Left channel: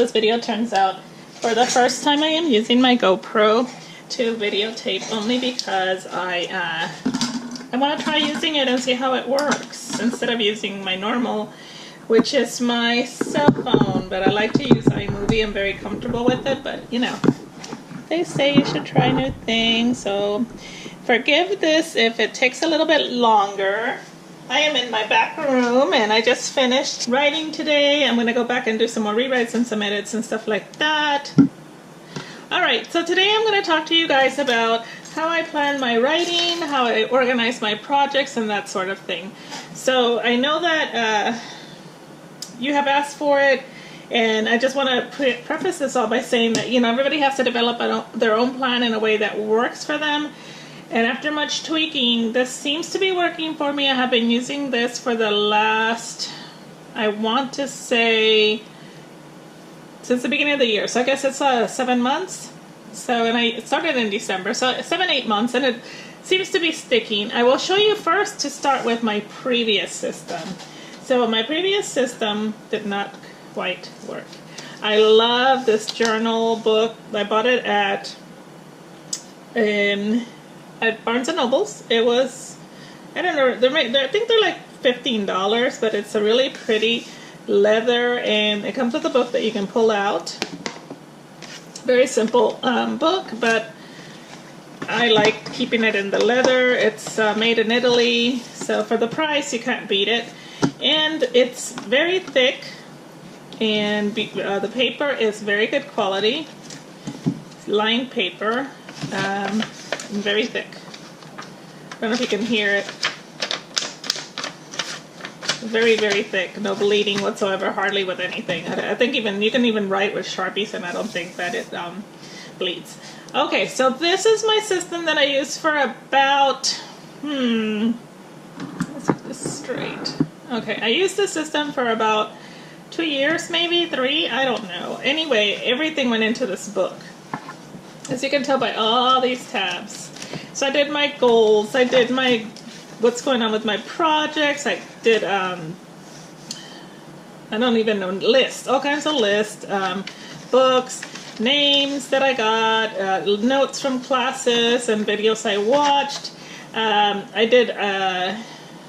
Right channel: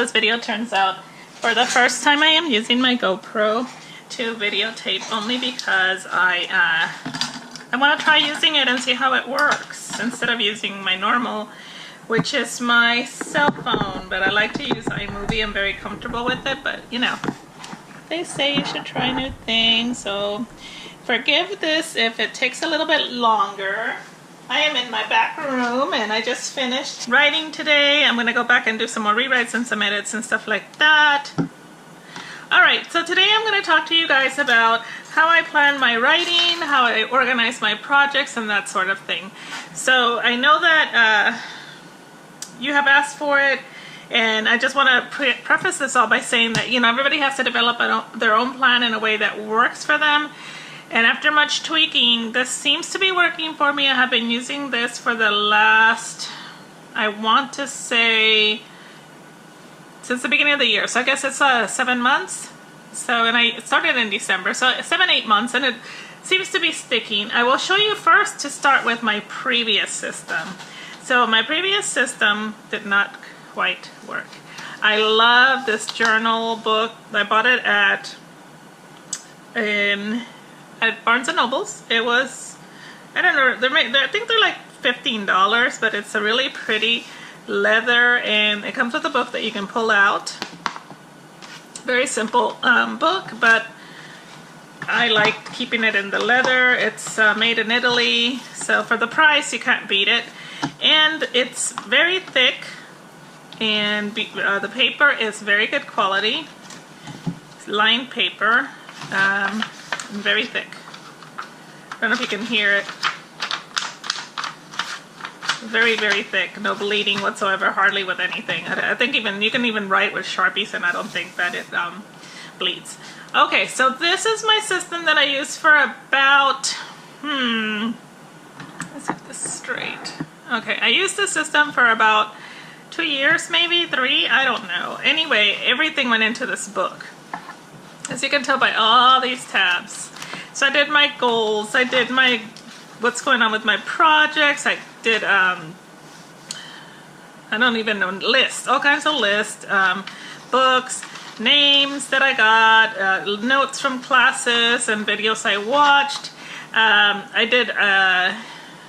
this video turns out. For the first time I am using my GoPro to videotape only because I want to try using it and see how it works instead of using my normal, which is my cell phone. But I like to use iMovie. I'm very comfortable with it, but you know, they say you should try new things, so forgive this if it takes a little bit longer. I am in my back room and I just finished writing today. I'm going to go back and do some more rewrites and some edits and stuff like that. Alright, so today I'm going to talk to you guys about how I plan my writing, how I organize my projects, and that sort of thing. So I know that you have asked for it, and I just want to preface this all by saying that, you know, everybody has to develop their own plan in a way that works for them. And after much tweaking, this seems to be working for me. I have been using this for the last, I want to say, since the beginning of the year. So I guess it's 7 months. So, and I started in December. So 7-8 months, and it seems to be sticking. I will show you first to start with my previous system. So my previous system did not quite work. I love this journal book. I bought it at Barnes & Noble's. It was, I don't know, I think they're like $15, but it's a really pretty leather, and it comes with a book that you can pull out. Very simple book, but I like keeping it in the leather. It's made in Italy, so for the price, you can't beat it. And it's very thick, and the paper is very good quality. It's lined paper. Very thick. I don't know if you can hear it. Very, very thick. No bleeding whatsoever, hardly with anything. I think even you can even write with Sharpies, and I don't think that it bleeds. Okay, so this is my system that I use for about, let's get this straight. Okay, I used this system for about 2 years, maybe 3, I don't know. Anyway, everything went into this book, as you can tell by all these tabs. So I did my goals, I did my what's going on with my projects, I did I don't even know, lists, all kinds of lists, books, names that I got, notes from classes and videos I watched. I did a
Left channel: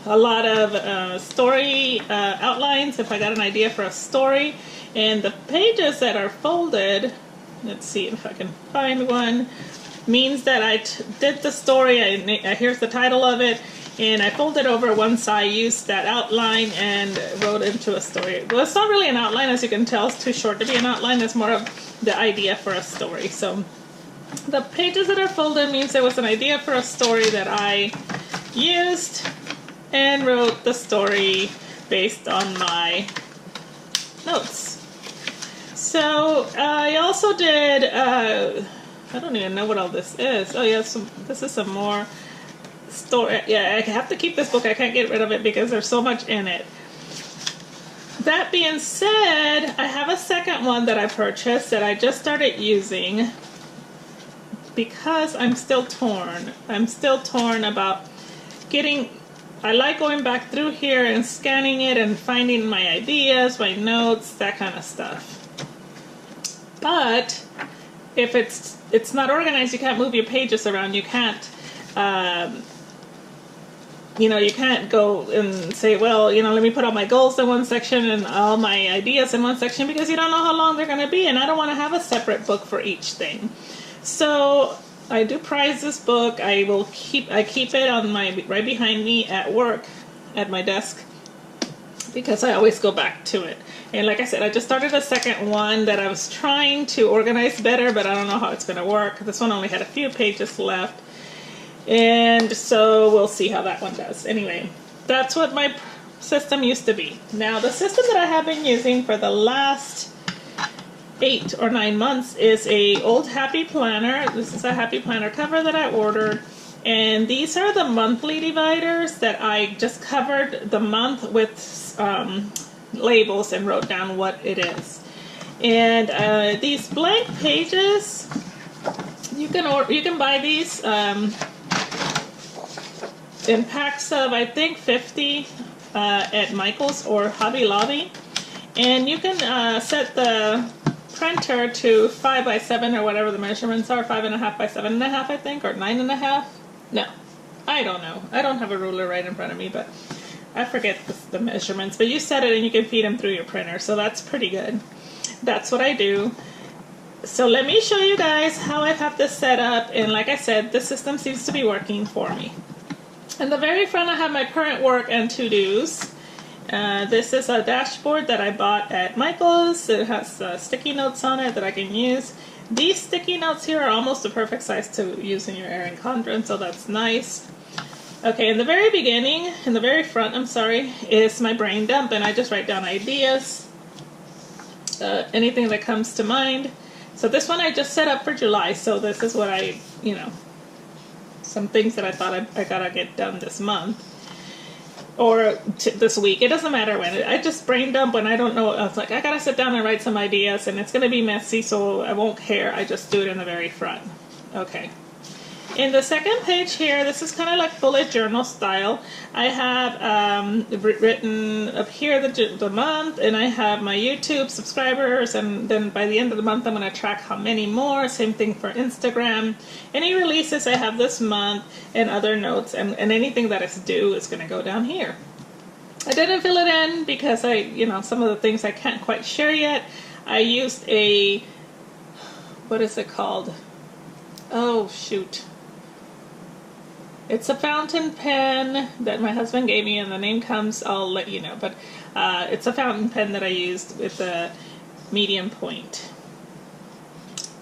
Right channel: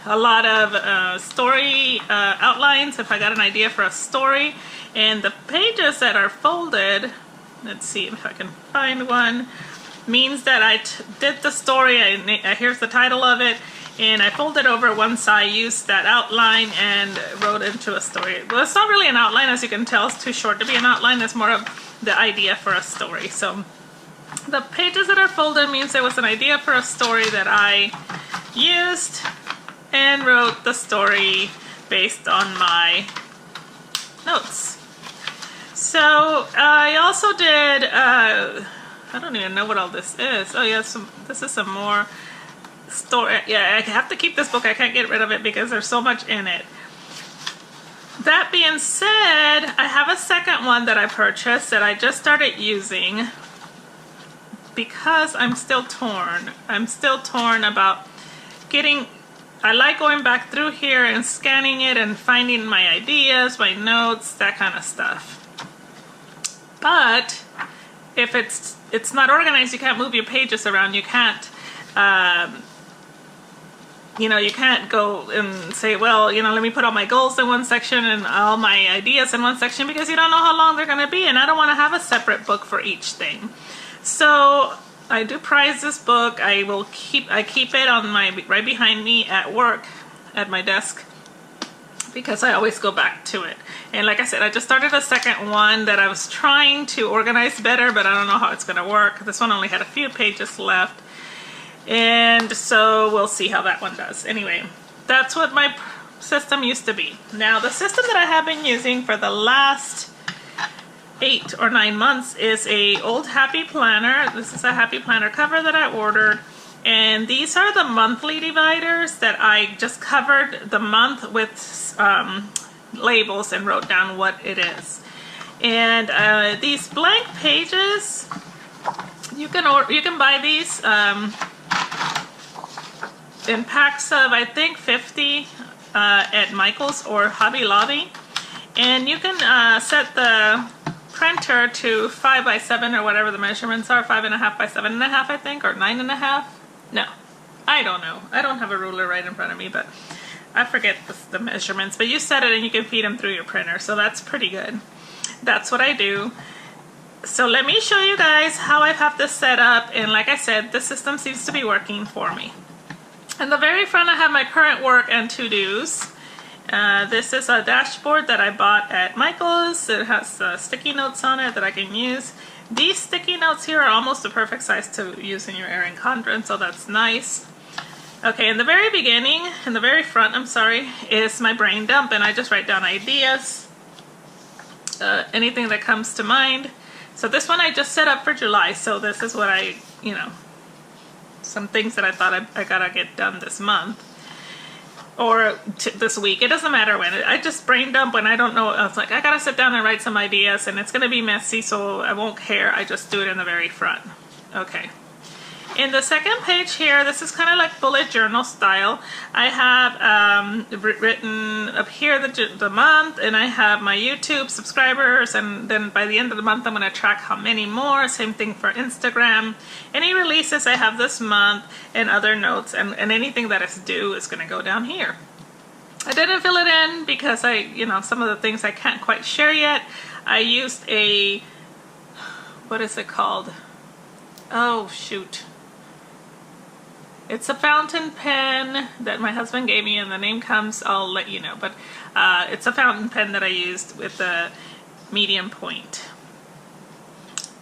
lot of story outlines if I got an idea for a story, and the pages that are folded, let's see if I can find one, means that I did the story, here's the title of it, and I folded over once I used that outline and wrote into a story. Well, it's not really an outline, as you can tell, it's too short to be an outline, it's more of the idea for a story. So the pages that are folded means there was an idea for a story that I used and wrote the story based on my notes. So I also did, I don't even know what all this is. Oh yeah, this is some more story. Yeah, I have to keep this book. I can't get rid of it because there's so much in it. That being said, I have a second one that I purchased that I just started using because I'm still torn. I'm still torn about getting, I like going back through here and scanning it and finding my ideas, my notes, that kind of stuff. But if it's not organized, you can't move your pages around. You can't, you know, you can't go and say, well, you know, let me put all my goals in one section and all my ideas in one section, because you don't know how long they're going to be, and I don't want to have a separate book for each thing. So I do prize this book. I keep it on right behind me at work, at my desk, because I always go back to it. And like I said, I just started a second one that I was trying to organize better, but I don't know how it's going to work. This one only had a few pages left, and so we'll see how that one does. Anyway, that's what my system used to be. Now, the system that I have been using for the last 8 or 9 months is a old Happy Planner. This is a Happy Planner cover that I ordered, and these are the monthly dividers that I just covered the month with labels and wrote down what it is. And these blank pages, you can buy these in packs of, I think, 50 at Michael's or Hobby Lobby, and you can set the printer to 5 by 7 or whatever the measurements are, 5.5 by 7.5, I think, or 9.5. No, I don't know. I don't have a ruler right in front of me, but I forget the measurements. But you set it and you can feed them through your printer, so that's pretty good. That's what I do. So let me show you guys how I have this set up, and like I said, the system seems to be working for me. In the very front I have my current work and to-dos. This is a dashboard that I bought at Michael's. It has sticky notes on it that I can use. These sticky notes here are almost the perfect size to use in your Erin Condren, so that's nice. Okay, in the very beginning, in the very front, I'm sorry, is my brain dump, and I just write down ideas, anything that comes to mind. So this one I just set up for July, so this is what I, you know, some things that I thought I gotta get done this month. Or this week. It doesn't matter when. I just brain dump when I don't know. I was like, I gotta sit down and write some ideas, and it's gonna be messy, so I won't care. I just do it in the very front. Okay. In the second page here, this is kind of like bullet journal style. I have written up here the month, and I have my YouTube subscribers, and then by the end of the month I'm going to track how many more. Same thing for Instagram. Any releases I have this month, and other notes, and anything that is due is going to go down here. I didn't fill it in because some of the things I can't quite share yet. I used a, what is it called? Oh, shoot. It's a fountain pen that my husband gave me, and the name comes, I'll let you know. But it's a fountain pen that I used with a medium point.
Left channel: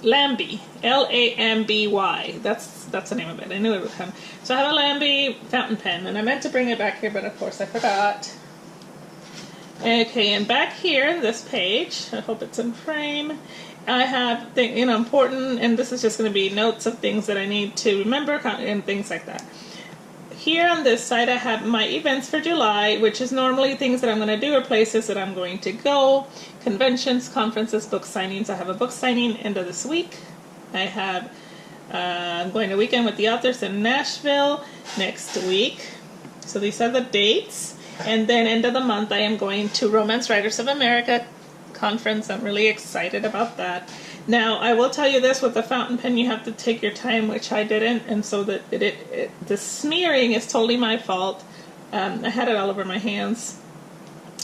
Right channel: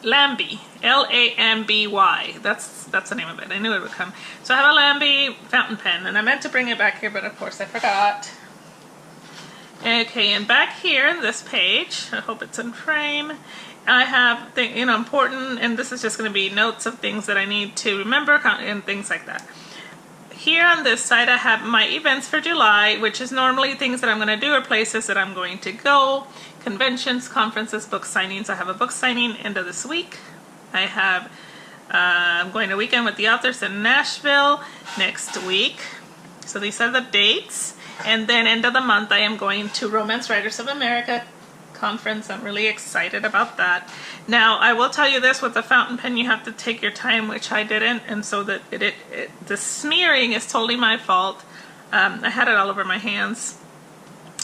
Lambie, L-A-M-B-Y. That's the name of it. I knew it would come. So I have a Lambie fountain pen, and I meant to bring it back here, but of course I forgot. Okay, and back here, this page, I hope it's in frame. I have important, and this is just going to be notes of things that I need to remember and things like that. Here on this side I have my events for July, which is normally things that I'm going to do or places that I'm going to go. Conventions, conferences, book signings. I have a book signing end of this week. I have, I'm going to weekend with the authors in Nashville next week. So these are the dates. And then end of the month I am going to Romance Writers of America conference. I'm really excited about that. Now I will tell you this, with the fountain pen you have to take your time, which I didn't, and so that the smearing is totally my fault. I had it all over my hands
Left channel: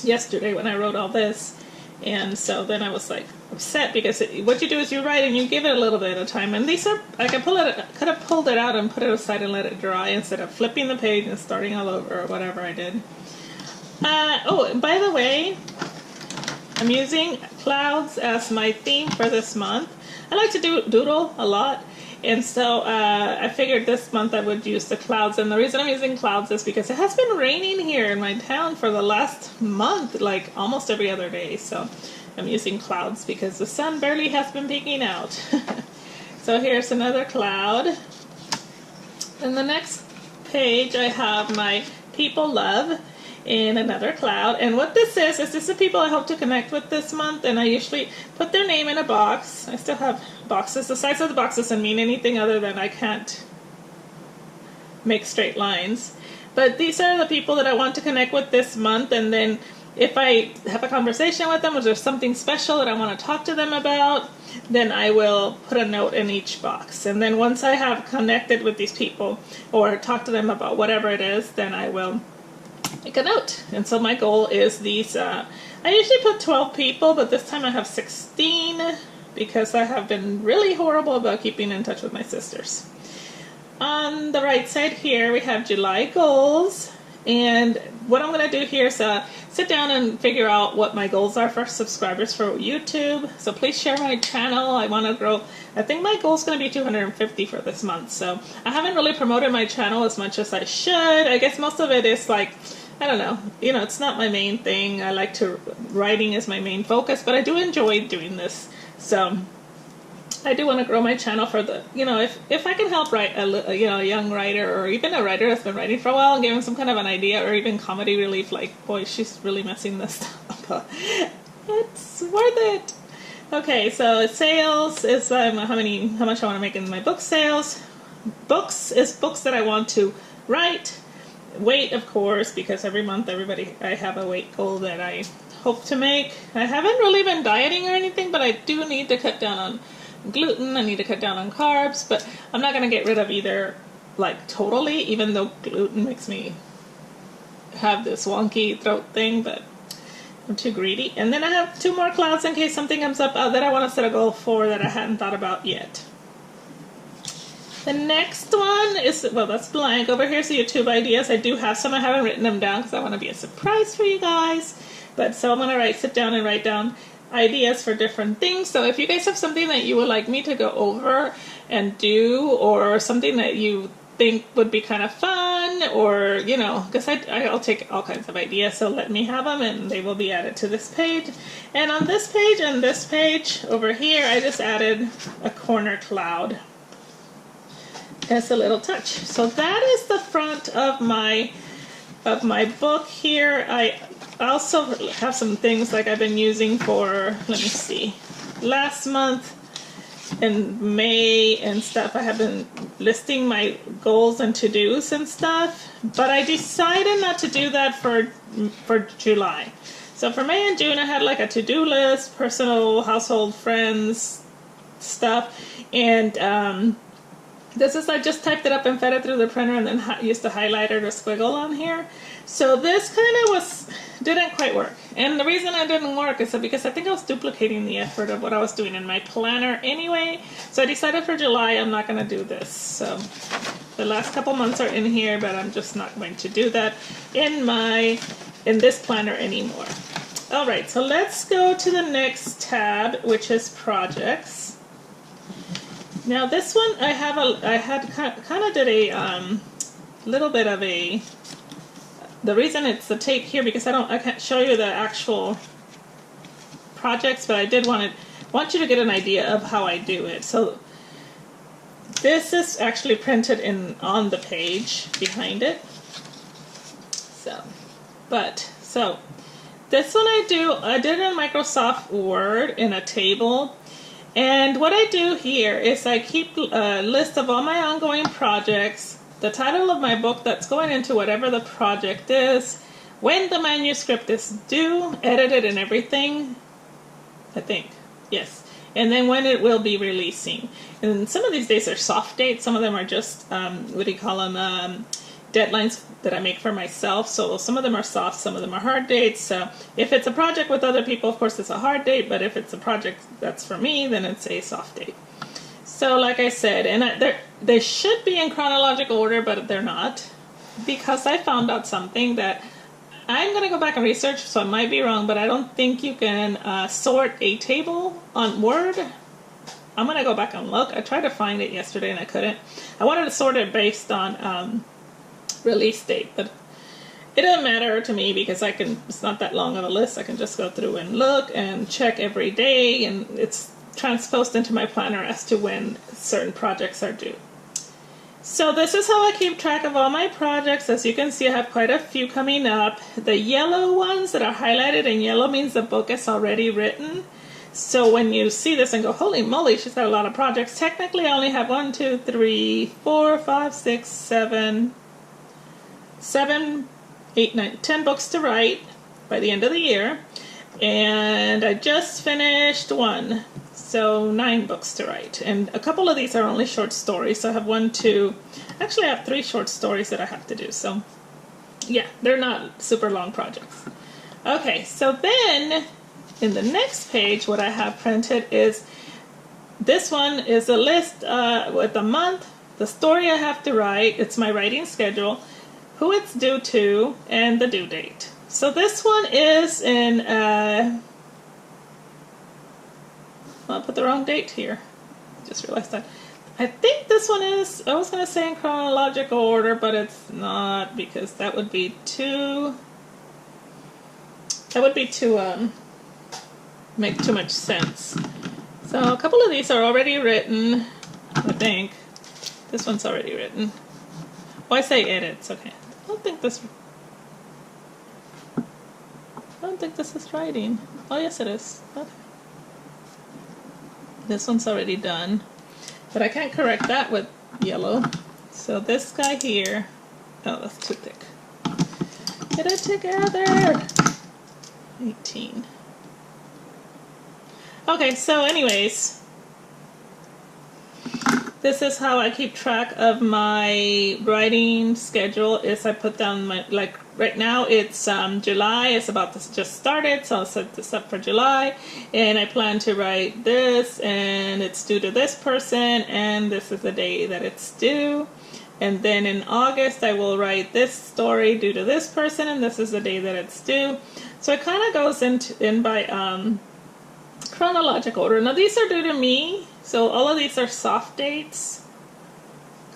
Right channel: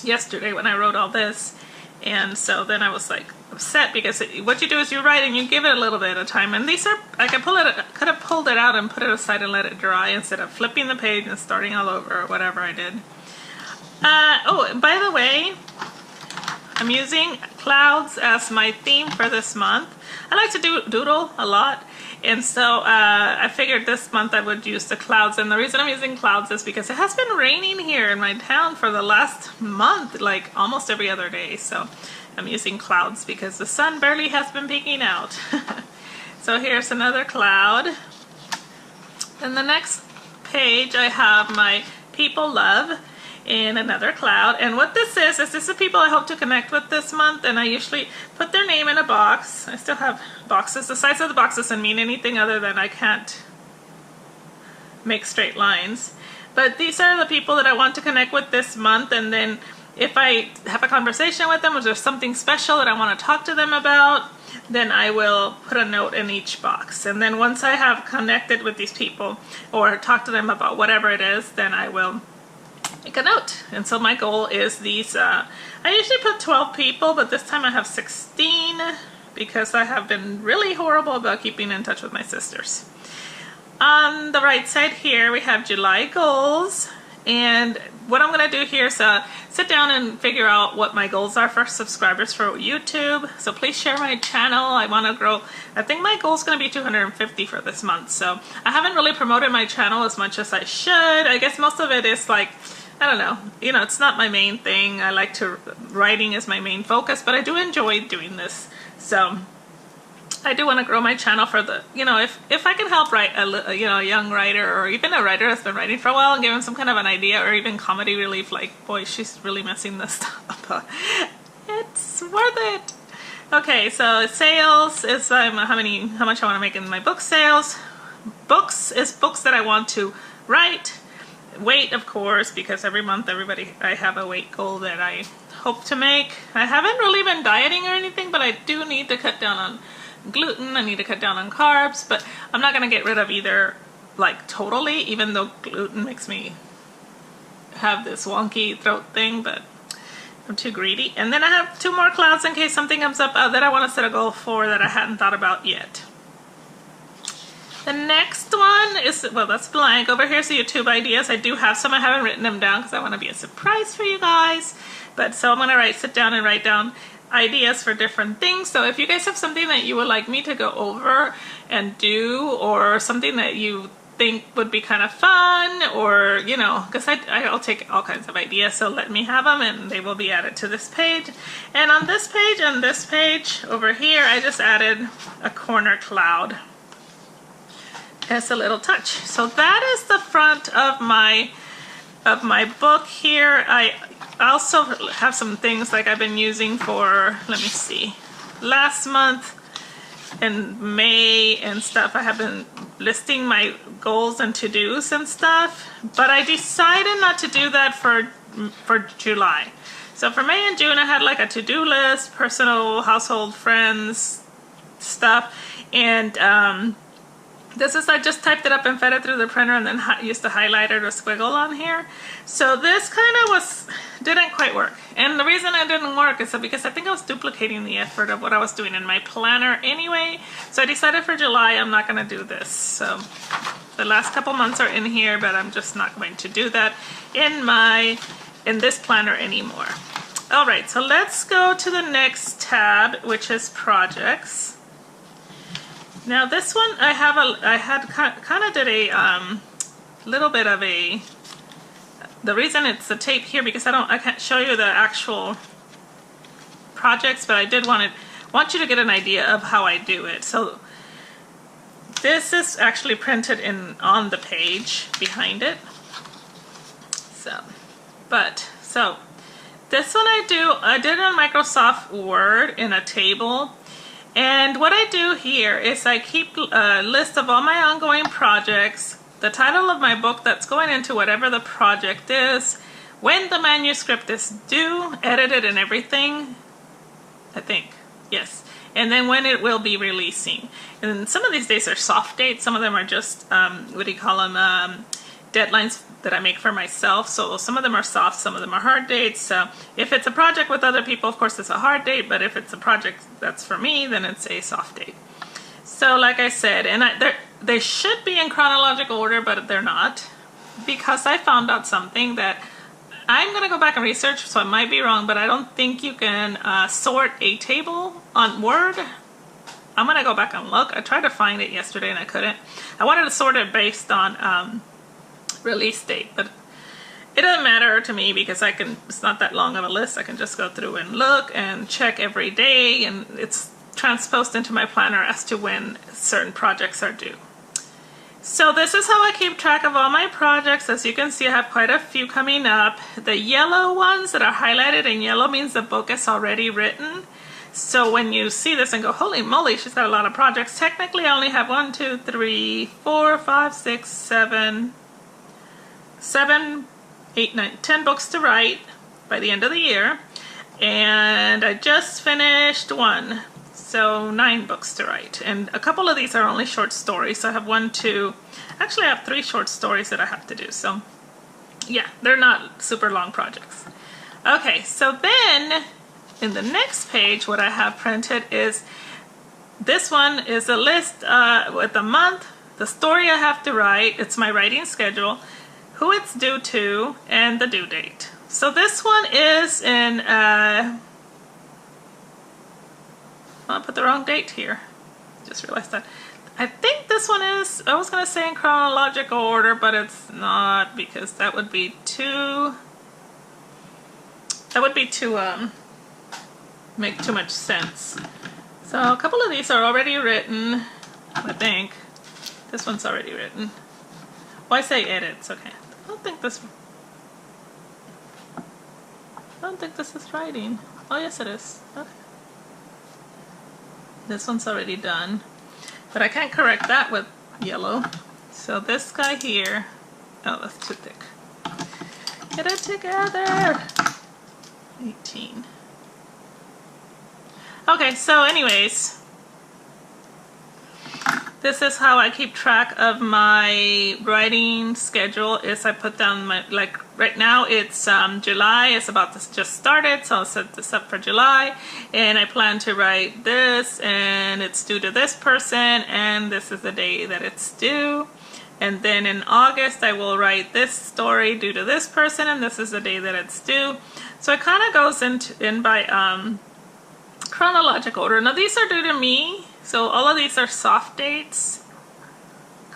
yesterday when I wrote all this, and so then I was like upset because what you do is you write and you give it a little bit of time, and these are, I could have pulled it out and put it aside and let it dry instead of flipping the page and starting all over or whatever I did. Oh, by the way, I'm using clouds as my theme for this month. I like to doodle a lot, and so I figured this month I would use the clouds. And the reason I'm using clouds is because it has been raining here in my town for the last month, like almost every other day. So I'm using clouds because the sun barely has been peeking out. So here's another cloud. In the next page I have my people love in another cloud, and what this is the people I hope to connect with this month, and I usually put their name in a box. I still have boxes. The size of the box doesn't mean anything other than I can't make straight lines, but these are the people that I want to connect with this month. And then if I have a conversation with them, or there's something special that I want to talk to them about, then I will put a note in each box. And then once I have connected with these people or talk to them about whatever it is, then I will make a note. And so my goal is these, I usually put 12 people, but this time I have 16 because I have been really horrible about keeping in touch with my sisters. On the right side here we have July goals, and what I'm going to do here is sit down and figure out what my goals are for subscribers for YouTube. So please share my channel. I want to grow. I think my goal is going to be 250 for this month. So I haven't really promoted my channel as much as I should. I guess most of it is like, I don't know, it's not my main thing. I like writing is my main focus, but I do enjoy doing this. So I do want to grow my channel for the, if I can help write a young writer, or even a writer that's been writing for a while, and give them some kind of an idea, or even comedy relief, like, boy, she's really messing this up. It's worth it. Okay, so sales is how much I want to make in my book sales. Books is books that I want to write. Weight, of course, because every month I have a weight goal that I hope to make. I haven't really been dieting or anything, but I do need to cut down on gluten. I need to cut down on carbs, but I'm not going to get rid of either like totally, even though gluten makes me have this wonky throat thing, but I'm too greedy. And then I have 2 more clouds in case something comes up that I want to set a goal for that I hadn't thought about yet. The next one is, well, that's blank. Over here's the YouTube ideas. I do have some. I haven't written them down because I want to be a surprise for you guys. But so I'm going to sit down and write down ideas for different things. So if you guys have something that you would like me to go over and do, or something that you think would be kind of fun, or, you know, because I'll take all kinds of ideas, so let me have them and they will be added to this page. And on this page and this page over here, I just added a corner cloud. It's a little touch. So that is the front of my book here. I also have some things like I've been using for, let me see, last month in May and stuff. I have been listing my goals and to-dos and stuff, but I decided not to do that for July. So for May and June, I had like a to-do list, personal, household, friends, stuff, and this is, I just typed it up and fed it through the printer and then used the highlighter to squiggle on here. So this kind of didn't quite work. And the reason it didn't work is because I think I was duplicating the effort of what I was doing in my planner anyway. So I decided for July I'm not going to do this. So the last couple months are in here, but I'm just not going to do that in this planner anymore. All right, so let's go to the next tab, which is projects. Now this one I had kind of did a little bit of a, the reason it's the tape here because I can't show you the actual projects, but I did want you to get an idea of how I do it. So this is actually printed on the page behind it. So this one I did on Microsoft Word in a table. And what I do here is I keep a list of all my ongoing projects, the title of my book that's going into whatever the project is, when the manuscript is due, edited and everything, I think, yes. And then when it will be releasing. And some of these days are soft dates, some of them are just, what do you call them, deadlines that I make for myself. So some of them are soft, some of them are hard dates. So if it's a project with other people, of course it's a hard date, but if it's a project that's for me, then it's a soft date. So like I said, and they should be in chronological order, but they're not, because I found out something that I'm going to go back and research, so I might be wrong, but I don't think you can sort a table on Word. I'm going to go back and look. I tried to find it yesterday and I couldn't. I wanted to sort it based on release date, but it doesn't matter to me because it's not that long of a list. I can just go through and look and check every day, and it's transposed into my planner as to when certain projects are due. So this is how I keep track of all my projects. As you can see, I have quite a few coming up. The yellow ones that are highlighted in yellow means the book is already written. So when you see this and go, holy moly, she's got a lot of projects. Technically, I only have 1, 2, 3, 4, 5, 6, 7, 8, 9, 10 books to write by the end of the year. And I just finished 1. So 9 books to write. And a couple of these are only short stories. So I have 1, 2, actually I have 3 short stories that I have to do. So yeah, they're not super long projects. Okay, so then in the next page, what I have printed is, this one is a list with the month, the story I have to write, it's my writing schedule, who it's due to, and the due date. So this one is in, I put the wrong date here. Just realized that. I think this one is, I was going to say in chronological order, but it's not, because that would be too make too much sense. So a couple of these are already written, I think. This one's already written. Well, I say edits, okay. I don't think this is writing. Oh yes it is. Okay. This one's already done. But I can't correct that with yellow. So this guy here, oh that's too thick. Get it together! 18. Okay, so anyways, this is how I keep track of my writing schedule. Is I put down my, like right now it's July, it's about to just started, so I'll set this up for July, and I plan to write this, and it's due to this person, and this is the day that it's due. And then in August I will write this story due to this person, and this is the day that it's due. So it kind of goes in by chronological order. Now these are due to me, so all of these are soft dates,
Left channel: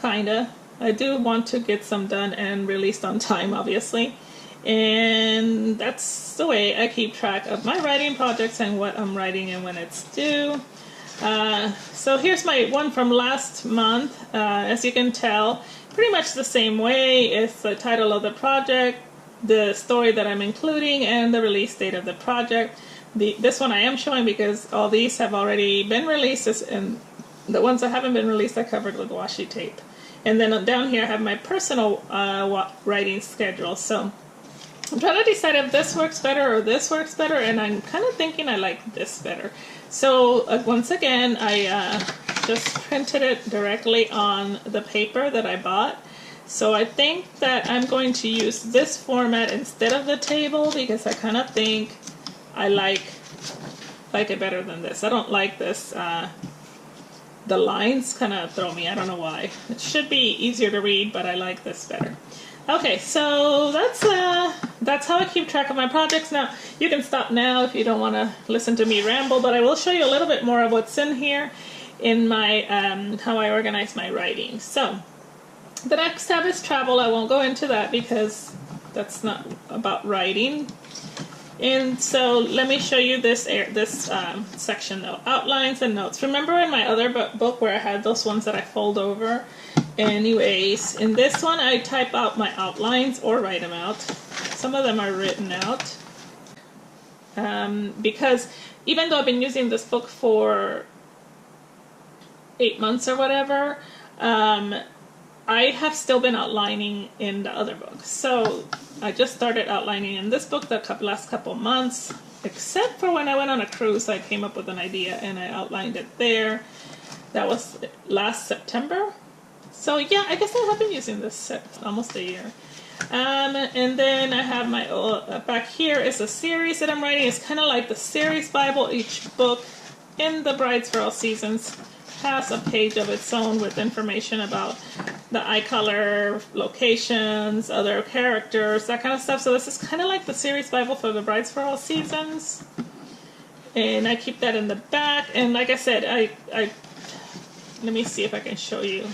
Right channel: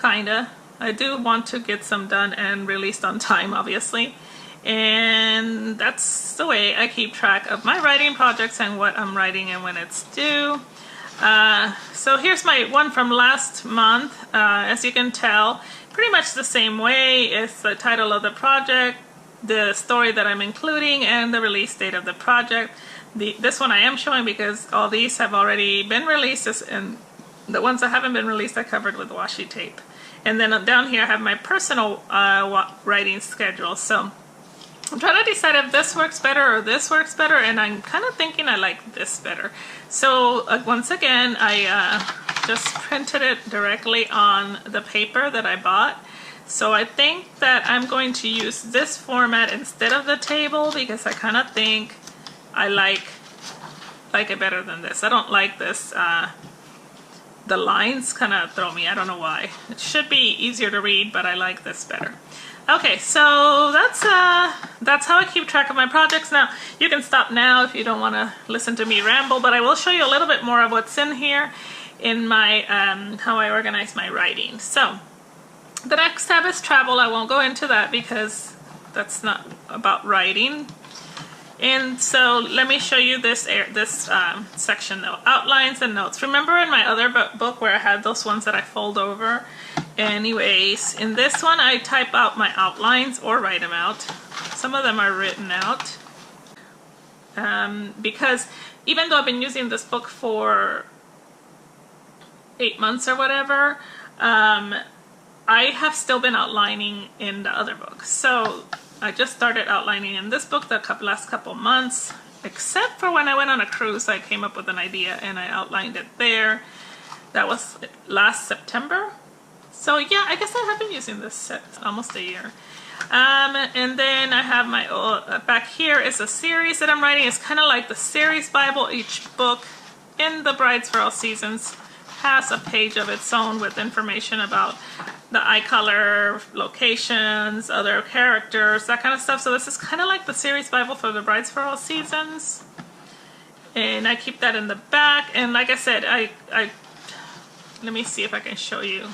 kinda. I do want to get some done and released on time, obviously, and that's the way I keep track of my writing projects and what I'm writing and when it's due. So here's my one from last month. As you can tell, pretty much the same way. It's the title of the project, the story that I'm including, and the release date of the project. This one I am showing because all these have already been released, and the ones that haven't been released I covered with washi tape. And then down here I have my personal writing schedule. So I'm trying to decide if this works better or this works better, and I'm kind of thinking I like this better. So once again, I just printed it directly on the paper that I bought. So I think that I'm going to use this format instead of the table because I kind of think I like it better than this. I don't like this. The lines kind of throw me. I don't know why. It should be easier to read, but I like this better. Okay, so that's how I keep track of my projects. Now, you can stop now if you don't want to listen to me ramble, but I will show you a little bit more of what's in here in my how I organize my writing. So the next tab is travel. I won't go into that because that's not about writing. And so let me show you this section though, outlines and notes. Remember in my other book where I had those ones that I fold over? Anyways, in this one I type out my outlines or write them out. Some of them are written out. Because even though I've been using this book for 8 months or whatever, I have still been outlining in the other book. So I just started outlining in this book the last couple months, except for when I went on a cruise. I came up with an idea and I outlined it there. That was last September. So yeah, I guess I have been using this almost a year. And then I have my, back here is a series that I'm writing. It's kind of like the series Bible. Each book in the Brides for All Seasons has a page of its own with information about the eye color, locations, other characters, that kind of stuff. So this is kind of like the series Bible for the Brides for All Seasons. And I keep that in the back. And like I said, let me see if I can show you.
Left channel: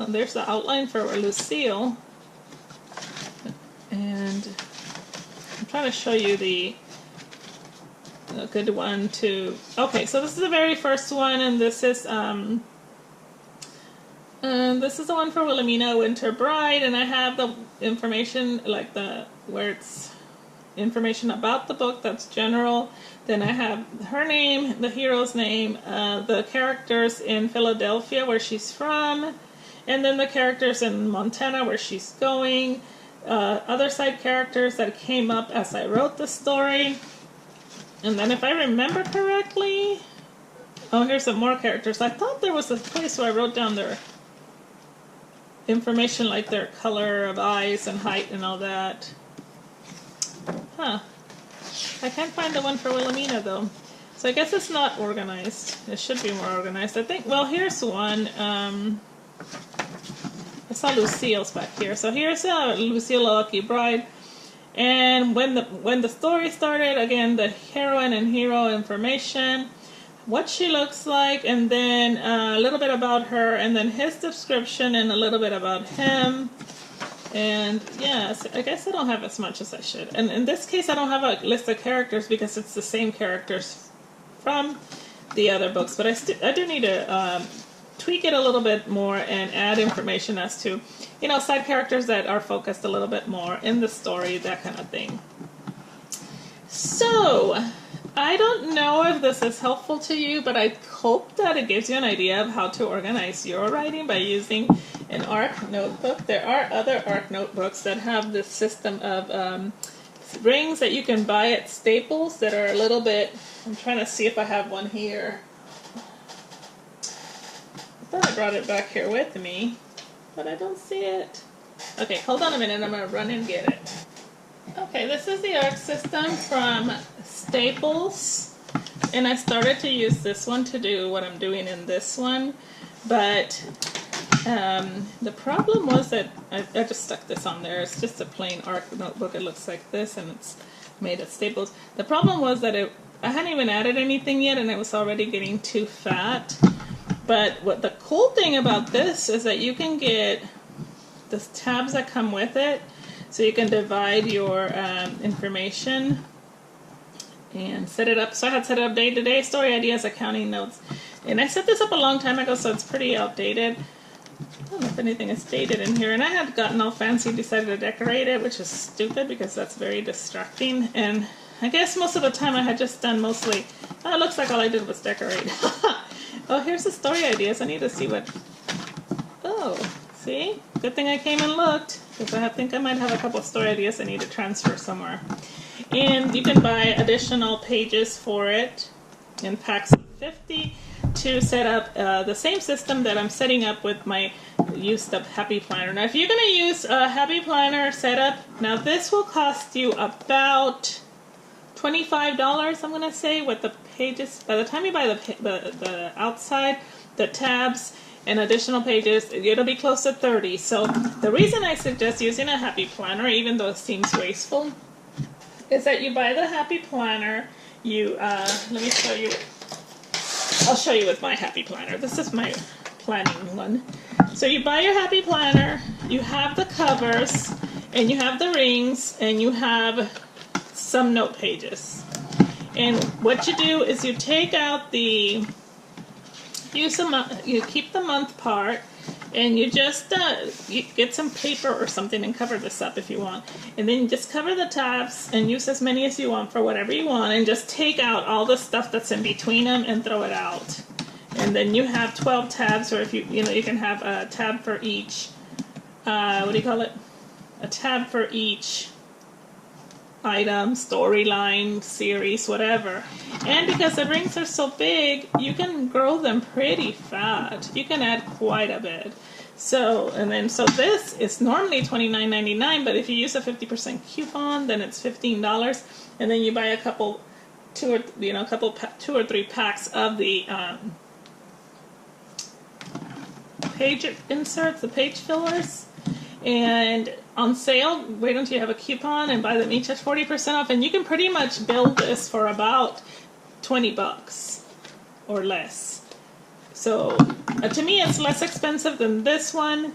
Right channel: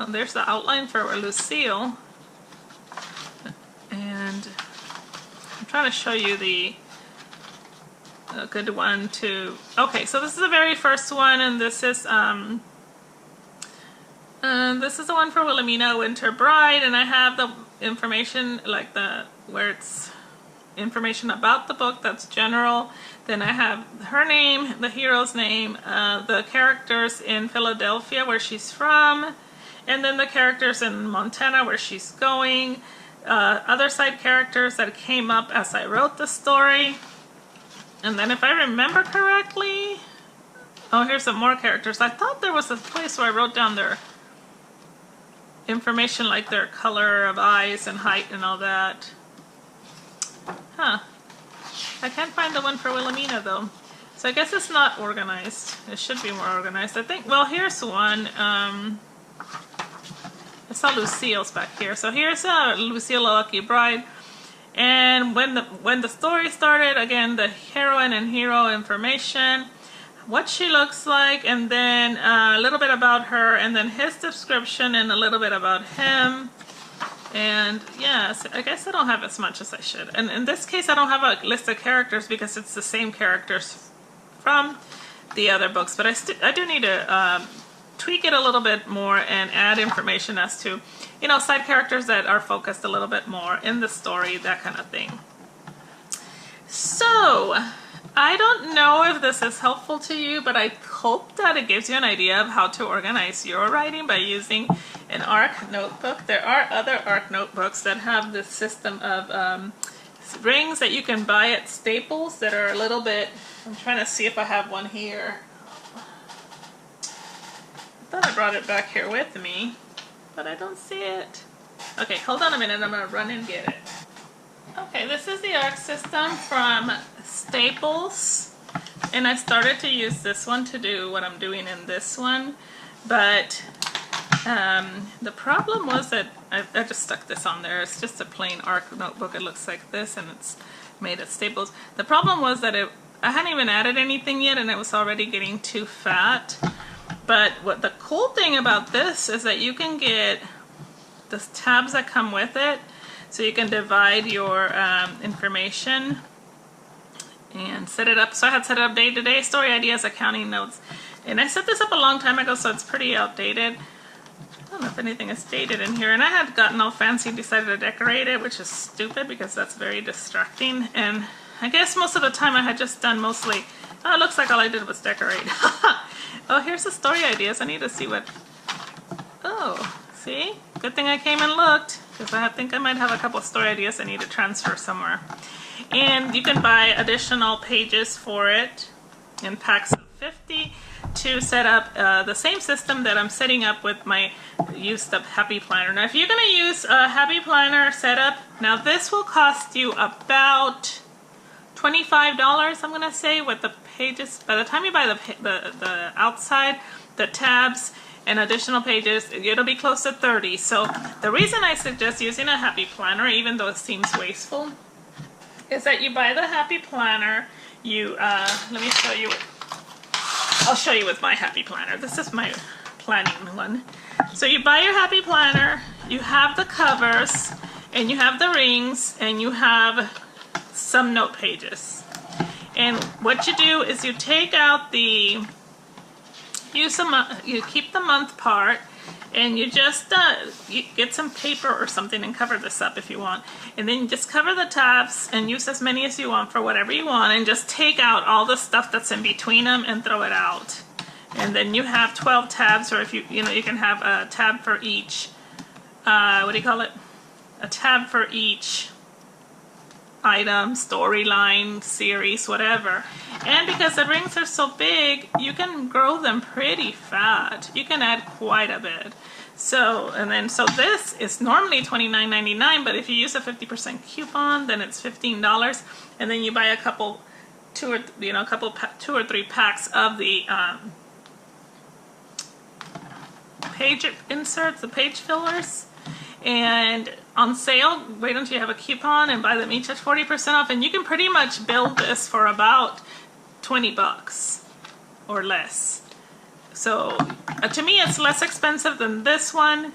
Oh, there's the outline for Lucille. And I'm trying to show you a good one too. Okay, so this is the very first one, and this is the one for Wilhelmina Winter Bride, and I have the information like where it's information about the book, that's general. Then I have her name, the hero's name, the characters in Philadelphia where she's from, and then the characters in Montana where she's going, other side characters that came up as I wrote the story. And then if I remember correctly, oh, here's some more characters. I thought there was a place where I wrote down their information, like their color of eyes and height and all that. Huh. I can't find the one for Wilhelmina though. So I guess it's not organized. It should be more organized, I think. Well, here's one. I saw Lucille's back here. So here's Lucille, a Lucky Bride. And when the story started, again, the heroine and hero information, what she looks like, and then a little bit about her, and then his description, and a little bit about him. And yes, I guess I don't have as much as I should. And in this case, I don't have a list of characters because it's the same characters from the other books. But I do need to tweak it a little bit more and add information as to, side characters that are focused a little bit more in the story, that kind of thing. So, I don't know if this is helpful to you, but I hope that it gives you an idea of how to organize your writing by using an ARC notebook. There are other ARC notebooks that have this system of rings that you can buy at Staples that are a little bit, I'm trying to see if I have one here. I thought I brought it back here with me, but I don't see it. Okay, hold on a minute, I'm gonna run and get it. Okay, this is the arc system from Staples, and I started to use this one to do what I'm doing in this one, but the problem was that I just stuck this on there. It's just a plain arc notebook. It looks like this, and it's made at Staples. The problem was that I hadn't even added anything yet, and it was already getting too fat. But what the cool thing about this is that you can get the tabs that come with it, so you can divide your information and set it up. So I had set it up day-to-day, story ideas, accounting notes. And I set this up a long time ago, so it's pretty outdated. I don't know if anything is dated in here. And I had gotten all fancy and decided to decorate it, which is stupid because that's very distracting. And I guess most of the time I had just done mostly, oh, it looks like all I did was decorate. Oh, here's the story ideas. I need to see what, oh, see? Good thing I came and looked, because I think I might have a couple of story ideas I need to transfer somewhere. And you can buy additional pages for it in packs of 50 to set up the same system that I'm setting up with my used up Happy Planner. Now if you're going to use a Happy Planner setup, now this will cost you about $25, I'm going to say, with the pages. By the time you buy the outside, the tabs, and additional pages, it'll be close to 30. So the reason I suggest using a Happy Planner, even though it seems wasteful, is that you buy the Happy Planner, you, let me show you, I'll show you with my Happy Planner. This is my planning one. So you buy your Happy Planner, you have the covers, and you have the rings, and you have some note pages. And what you do is you take out the, you keep the month part, and you just you get some paper or something and cover this up if you want. And then you just cover the tabs and use as many as you want for whatever you want, and just take out all the stuff that's in between them and throw it out. And then you have 12 tabs, or if you know, you can have a tab for each, what do you call it? A tab for each item, storyline, series, whatever. And because the rings are so big, you can grow them pretty fat. You can add quite a bit. So, so this is normally $29.99, but if you use a 50% coupon, then it's $15. And then you buy a couple, two or three packs of the page inserts, the page fillers. And on sale, wait until you have a coupon and buy them each at 40% off, and you can pretty much build this for about $20 or less. So to me, it's less expensive than this one,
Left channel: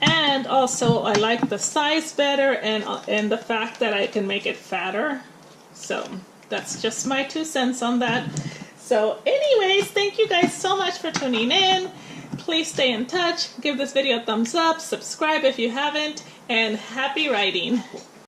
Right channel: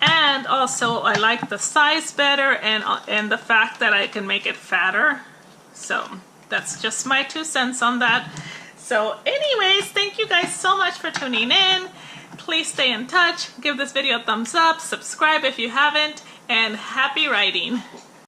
and also I like the size better, and the fact that I can make it fatter. So that's just my 2 cents on that. So anyways, thank you guys so much for tuning in. Please stay in touch, give this video a thumbs up, subscribe if you haven't, and happy writing.